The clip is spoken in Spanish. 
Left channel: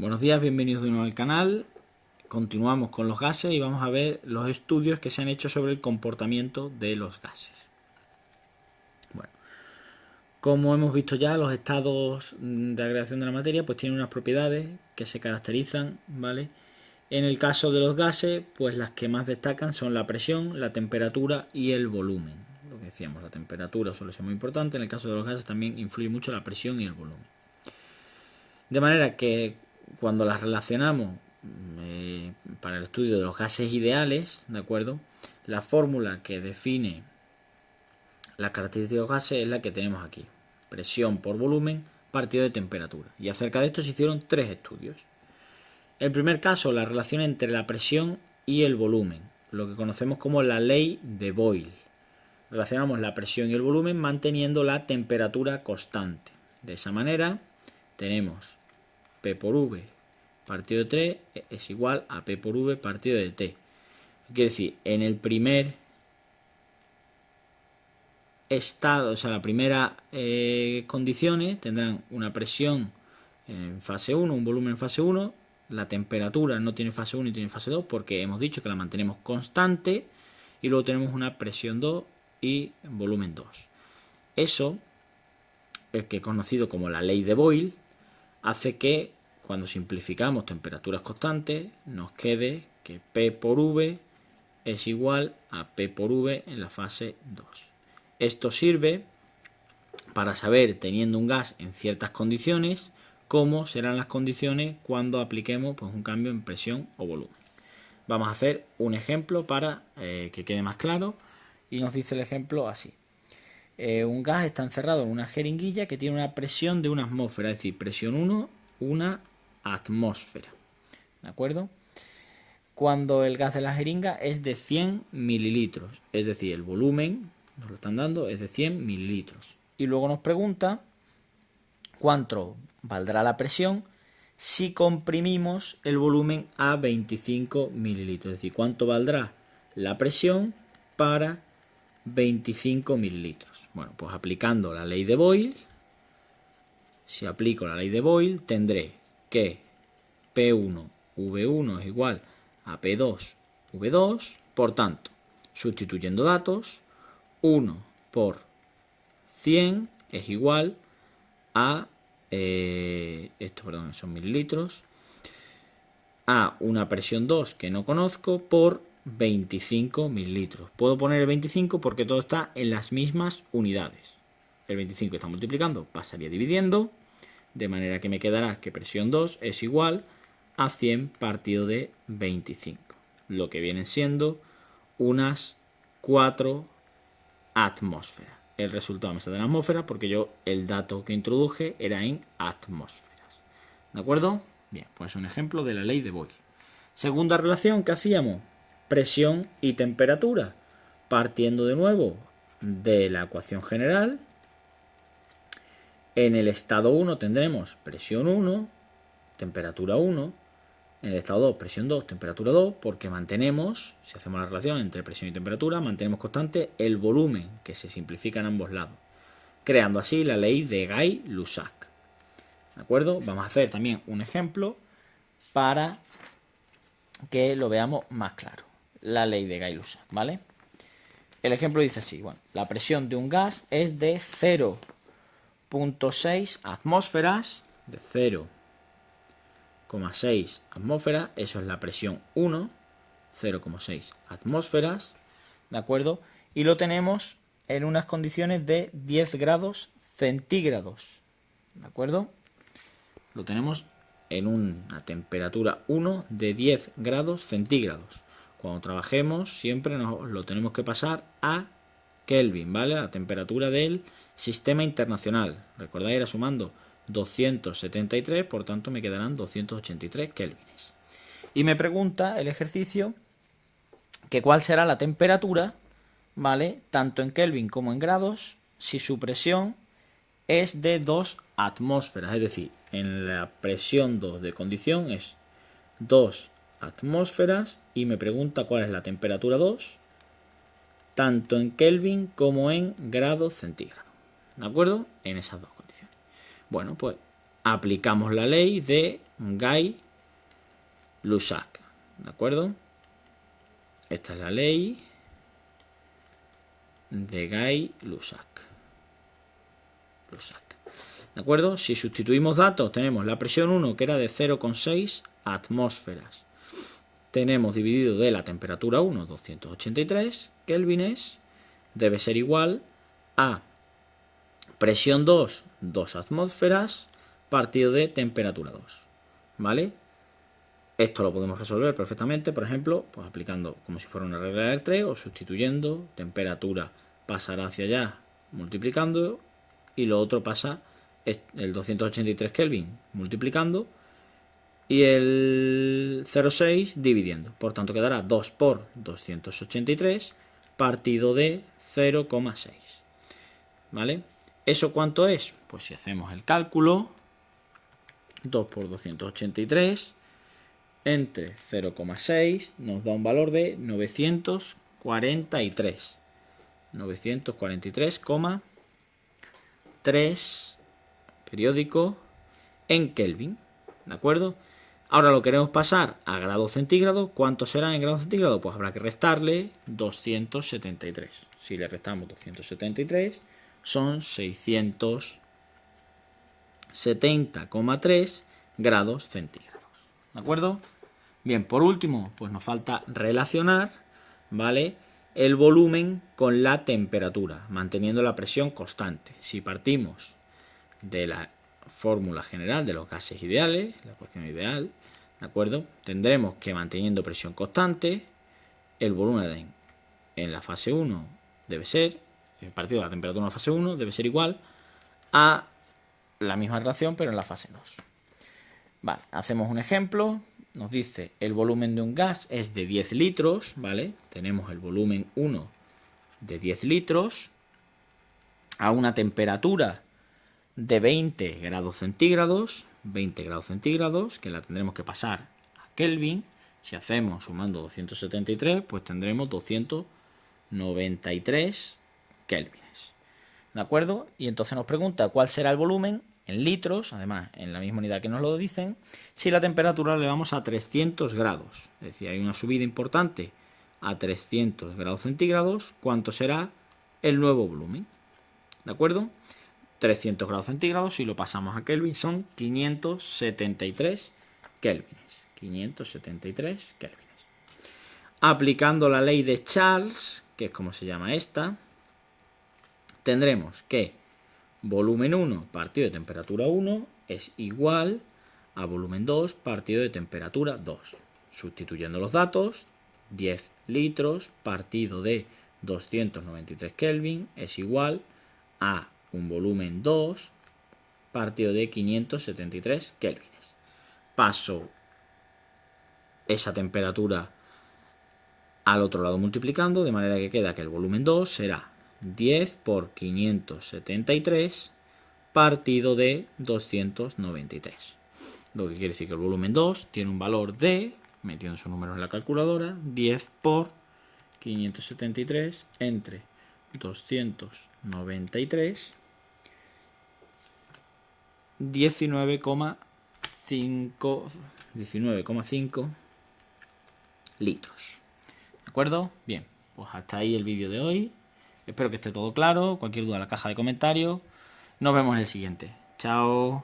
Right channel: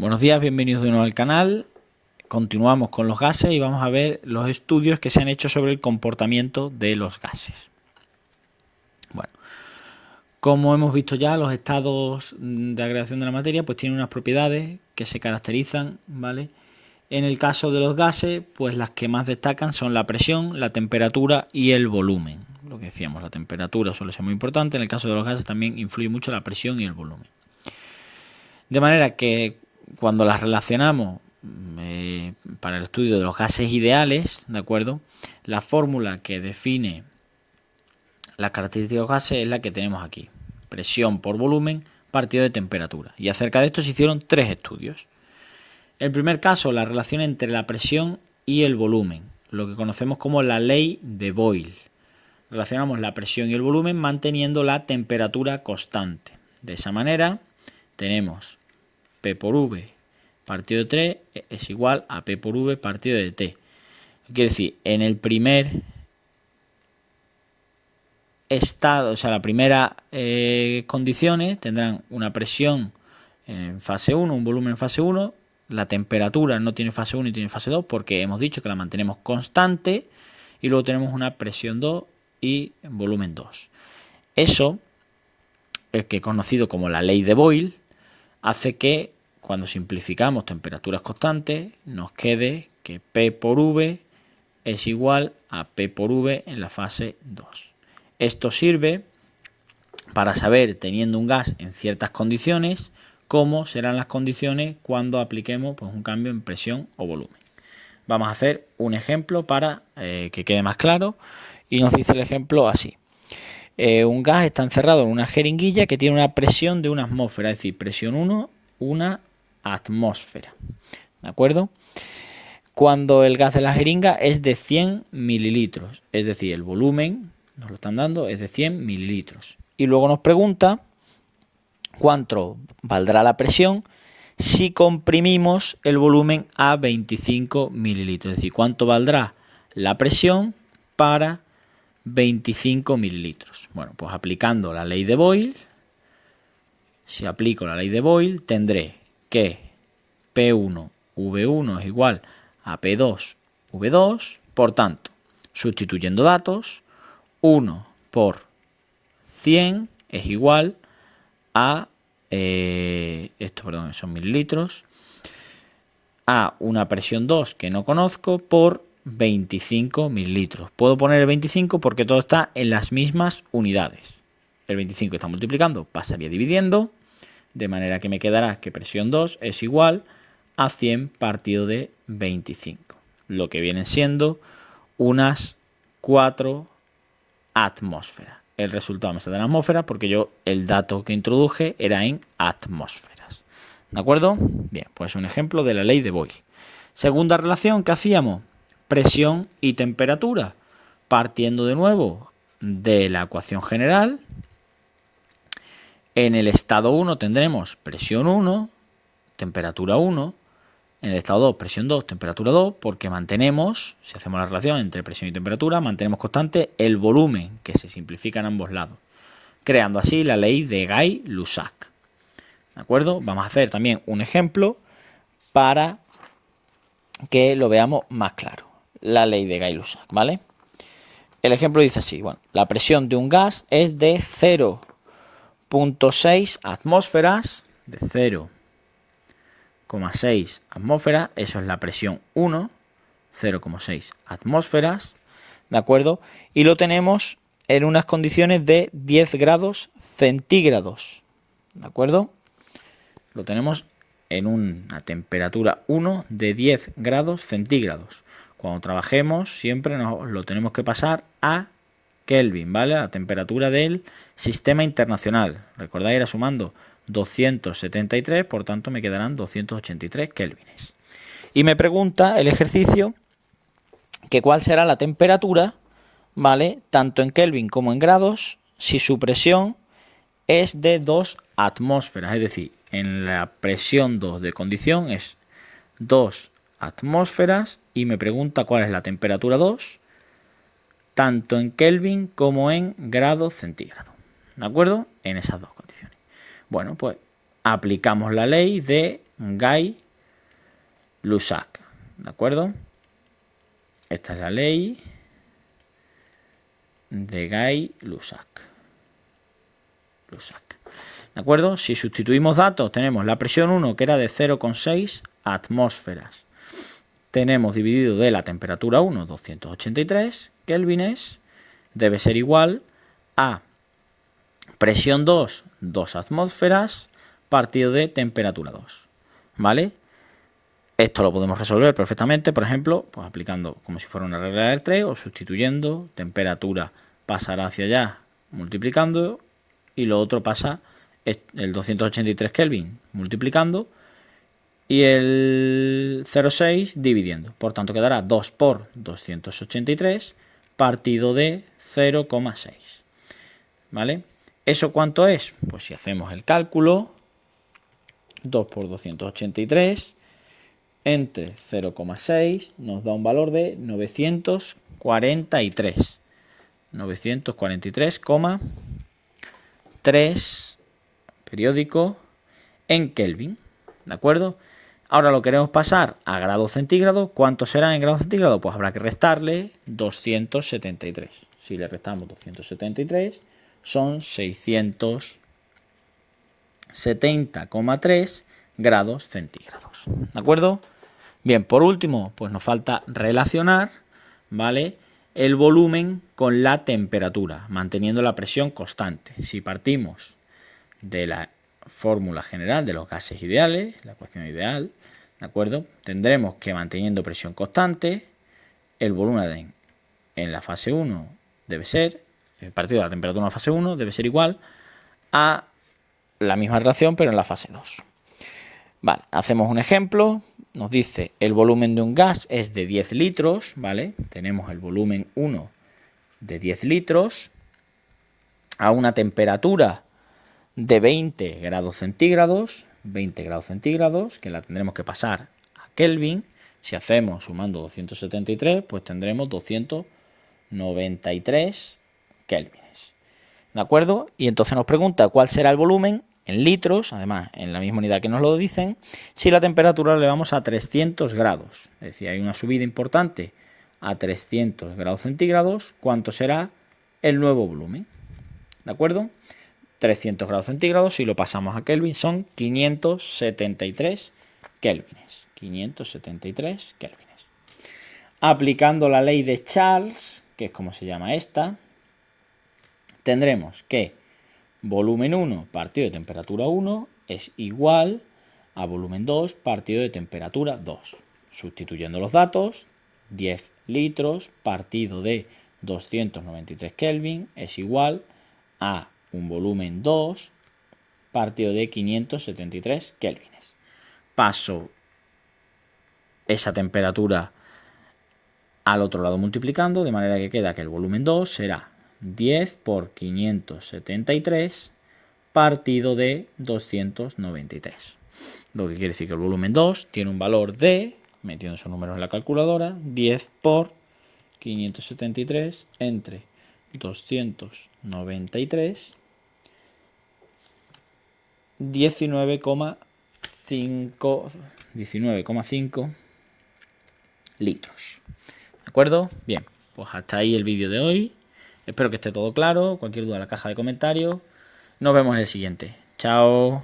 Buenos días, bienvenidos de nuevo al canal. Continuamos con los gases y vamos a ver los estudios que se han hecho sobre el comportamiento de los gases. Bueno, como hemos visto ya, los estados de agregación de la materia pues tienen unas propiedades que se caracterizan, ¿vale? En el caso de los gases, pues las que más destacan son la presión, la temperatura y el volumen. Lo que decíamos, la temperatura suele ser muy importante. En el caso de los gases también influye mucho la presión y el volumen. De manera que cuando las relacionamos para el estudio de los gases ideales, ¿de acuerdo? La fórmula que define las características de los gases es la que tenemos aquí. Presión por volumen partido de temperatura. Y acerca de esto se hicieron 3 estudios. El primer caso, la relación entre la presión y el volumen, lo que conocemos como la ley de Boyle. Relacionamos la presión y el volumen manteniendo la temperatura constante. De esa manera tenemos P por V partido de 3 es igual a P por V partido de T. Quiere decir, en el primer estado, o sea, la primera condiciones tendrán una presión en fase 1, un volumen en fase 1, la temperatura no tiene fase 1 y tiene fase 2 porque hemos dicho que la mantenemos constante y luego tenemos una presión 2 y volumen 2. Eso, el que es conocido como la ley de Boyle, hace que cuando simplificamos temperaturas constantes nos quede que P por V es igual a P por V en la fase 2. Esto sirve para saber, teniendo un gas en ciertas condiciones, cómo serán las condiciones cuando apliquemos pues, un cambio en presión o volumen. Vamos a hacer un ejemplo para que quede más claro y nos dice el ejemplo así. Un gas está encerrado en una jeringuilla que tiene una presión de 1 atmósfera, es decir, presión 1, una atmósfera. ¿De acuerdo? Cuando el gas de la jeringa es de 100 mililitros, es decir, el volumen, nos lo están dando, es de 100 mililitros. Y luego nos pregunta cuánto valdrá la presión si comprimimos el volumen a 25 mililitros. Es decir, cuánto valdrá la presión para 25 mililitros. Bueno, pues aplicando la ley de Boyle, si aplico la ley de Boyle, tendré que P1 V1 es igual a P2 V2. Por tanto, sustituyendo datos, 1 por 100 es igual a, son mililitros, a una presión 2 que no conozco por 25 mililitros. Puedo poner el 25 porque todo está en las mismas unidades. El 25 está multiplicando, pasaría dividiendo, de manera que me quedará que presión 2 es igual a 100 partido de 25, lo que vienen siendo unas 4 atmósferas. El resultado me sale en atmósferas porque yo el dato que introduje era en atmósferas. ¿De acuerdo? Bien, pues un ejemplo de la ley de Boyle. Segunda relación que hacíamos, presión y temperatura. Partiendo de nuevo de la ecuación general, en el estado 1 tendremos presión 1, temperatura 1. En el estado 2, presión 2, temperatura 2, porque mantenemos, si hacemos la relación entre presión y temperatura, mantenemos constante el volumen, que se simplifica en ambos lados, creando así la ley de Gay-Lussac. ¿De acuerdo? Vamos a hacer también un ejemplo para que lo veamos más claro. La ley de Gay-Lussac, ¿vale? El ejemplo dice así, bueno, la presión de un gas es de 0,6 atmósferas, de 0,6 atmósferas, eso es la presión 1, 0,6 atmósferas, ¿de acuerdo? Y lo tenemos en unas condiciones de 10 grados centígrados, ¿de acuerdo? Lo tenemos en una temperatura 1 de 10 grados centígrados. Cuando trabajemos siempre nos lo tenemos que pasar a Kelvin, ¿vale? A la temperatura del sistema internacional. Recordáis, era sumando 273, por tanto me quedarán 283 kelvines. Y me pregunta el ejercicio que cuál será la temperatura, ¿vale? Tanto en Kelvin como en grados, si su presión es de 2 atmósferas. Es decir, en la presión 2 de condición es 2 atmósferas y me pregunta cuál es la temperatura 2, tanto en Kelvin como en grados centígrados. ¿De acuerdo? En esas dos condiciones. Bueno, pues aplicamos la ley de Gay-Lussac, ¿de acuerdo? Esta es la ley de Gay-Lussac. ¿De acuerdo? Si sustituimos datos, tenemos la presión 1, que era de 0,6 atmósferas. Tenemos dividido de la temperatura 1, 283 kelvines, debe ser igual a presión 2, 2 atmósferas, partido de temperatura 2. ¿Vale? Esto lo podemos resolver perfectamente, por ejemplo, pues aplicando como si fuera una regla de 3 o sustituyendo. Temperatura pasará hacia allá multiplicando y lo otro pasa el 283 Kelvin multiplicando y el 0,6 dividiendo. Por tanto quedará 2 por 283 partido de 0,6. ¿Vale? ¿Eso cuánto es? Pues si hacemos el cálculo, 2 por 283 entre 0,6 nos da un valor de 943. 943,3 periódico en Kelvin. ¿De acuerdo? Ahora lo queremos pasar a grados centígrados. ¿Cuánto será en grados centígrados? Pues habrá que restarle 273. Si le restamos 273, son 670,3 grados centígrados. ¿De acuerdo? Bien, por último, pues nos falta relacionar, ¿vale?, el volumen con la temperatura, manteniendo la presión constante. Si partimos de la fórmula general de los gases ideales, la ecuación ideal, ¿de acuerdo?, tendremos que, manteniendo presión constante, el volumen en la fase 1 debe ser, el partido de la temperatura en la fase 1 debe ser igual a la misma relación, pero en la fase 2. Vale, hacemos un ejemplo. Nos dice el volumen de un gas es de 10 litros, ¿vale? Tenemos el volumen 1 de 10 litros a una temperatura de 20 grados centígrados, que la tendremos que pasar a Kelvin. Si hacemos sumando 273, pues tendremos 293 kelvines. ¿De acuerdo? Y entonces nos pregunta cuál será el volumen en litros, además en la misma unidad que nos lo dicen, si la temperatura le vamos a 300 grados. Es decir, hay una subida importante a 300 grados centígrados. ¿Cuánto será el nuevo volumen? ¿De acuerdo? 300 grados centígrados, si lo pasamos a Kelvin, son 573 kelvines. 573 kelvines. Aplicando la ley de Charles, que es como se llama esta, tendremos que volumen 1 partido de temperatura 1 es igual a volumen 2 partido de temperatura 2. Sustituyendo los datos, 10 litros partido de 293 Kelvin es igual a un volumen 2 partido de 573 kelvines. Paso esa temperatura al otro lado multiplicando, de manera que queda que el volumen 2 será 10 por 573 partido de 293. Lo que quiere decir que el volumen 2 tiene un valor de, metiendo esos números en la calculadora, 10 por 573 entre 293, 19,5 litros. ¿De acuerdo? Bien, pues hasta ahí el vídeo de hoy. Espero que esté todo claro. Cualquier duda en la caja de comentarios. Nos vemos en el siguiente. Chao.